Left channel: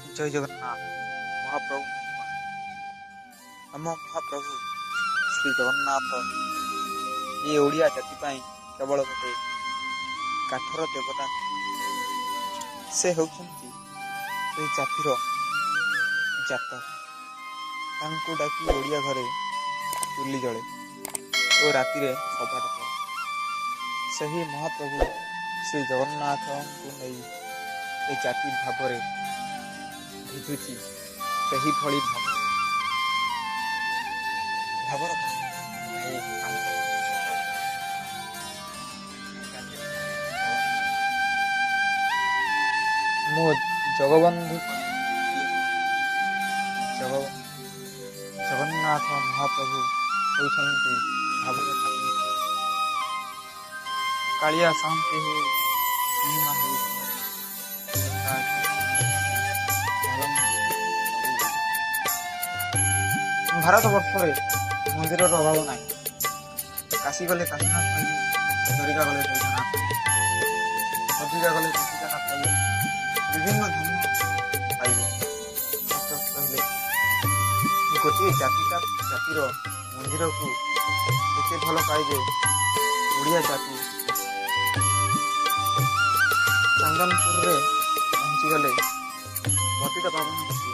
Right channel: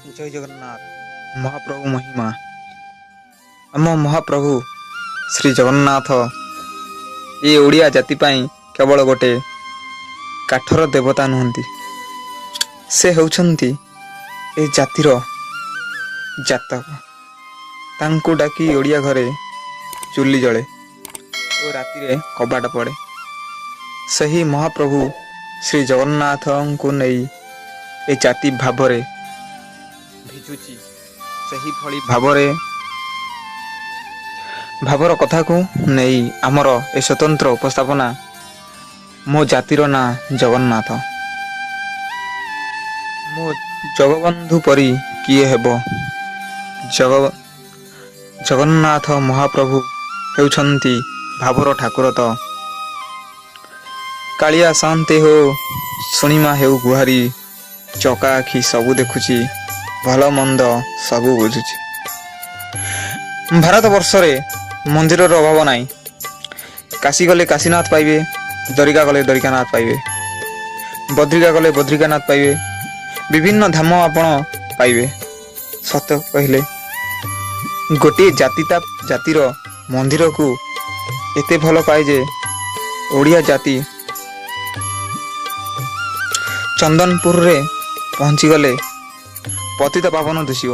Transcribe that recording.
ଜୟ ଜଗନ୍ନାଥ। ମହାପ୍ରଭୁ ମହିମା। ଆମ ମହାପ୍ରଭୁ ଶ୍ରୀ ଜଗନ୍ନାଥ ଏ ଓଡ଼ିଆ ଜାତି ପାଇଁ କେବଳ ଗୋଟେ କାଠର ଦେବତା ନୁହନ୍ତି, ସେ ହେଉଛନ୍ତି ଏ ଜାତିର ଜାତକ। ତାଙ୍କୁ ଡାକି ଓଡ଼ିଆ ଘରେ ଚୁଲି ଜଳେ ଓ ରାତିରେ କବାଟ ପଡ଼େ। ସେହି ମହାପ୍ରଭୁ ଶ୍ରୀ ଜଗନ୍ନାଥଙ୍କୁ ନେଇ ଏ ଜାତି ଭାବରେ ଭିଜୁଛି। ସେହିଭଳି ଭାବର କଥାକୁ ନେଇ ଆମର ଏ ସ୍ୱତନ୍ତ୍ର ଉପସ୍ଥାପନା। ମୋ ଜାତିର ନାଁ ଜଗନ୍ନାଥ। ମୋ ଜଗବନ୍ଧୁ ପରି କିଏ ହେବ? ଜଗନ୍ନାଥ ମହାପ୍ରଭୁ ହେଉଛନ୍ତି ଭାବର ଠାକୁର। ତ କାଳିଆ ସାନ୍ତେ ହୋ ଶୁଣିମା ହେଉ ଗୁହାରି, ଚକା ଆଖି ସବୁ ଦେଖୁଛି, ଭଲ ମନ୍ଦ ସବୁ ବୁଝୁଛି। ଭାରତ ବର୍ଷରେ ମନ୍ଦିରର ଅଭାବ ନାହିଁ। କାଶୀ ଗଲେ କାଶୀନାଥ ପାଇବେ, ଦରିକା ଗଲେ ଦରିକାନାଥ ପାଇବେ, ବଦ୍ରିକା ଗଲେ ବଦ୍ରିକାନାଥ ପାଇବେ, ବିଭିନ୍ନ ଧାମ ଆପଣ ପାଇବେ। ସତ କହିଲେ ଗୋଟିଏ ଜାତି ତା ଜାତିର ମନ୍ଦିରକୁ ଏତେ ଭଲ ପାଏ ଯେ ଓଡ଼ିଆ ଜାତି ଚନ୍ଦନପୁରରେ ପହଞ୍ଚିଗଲେ ପତିତ ପାବନ ଦିଶିବ।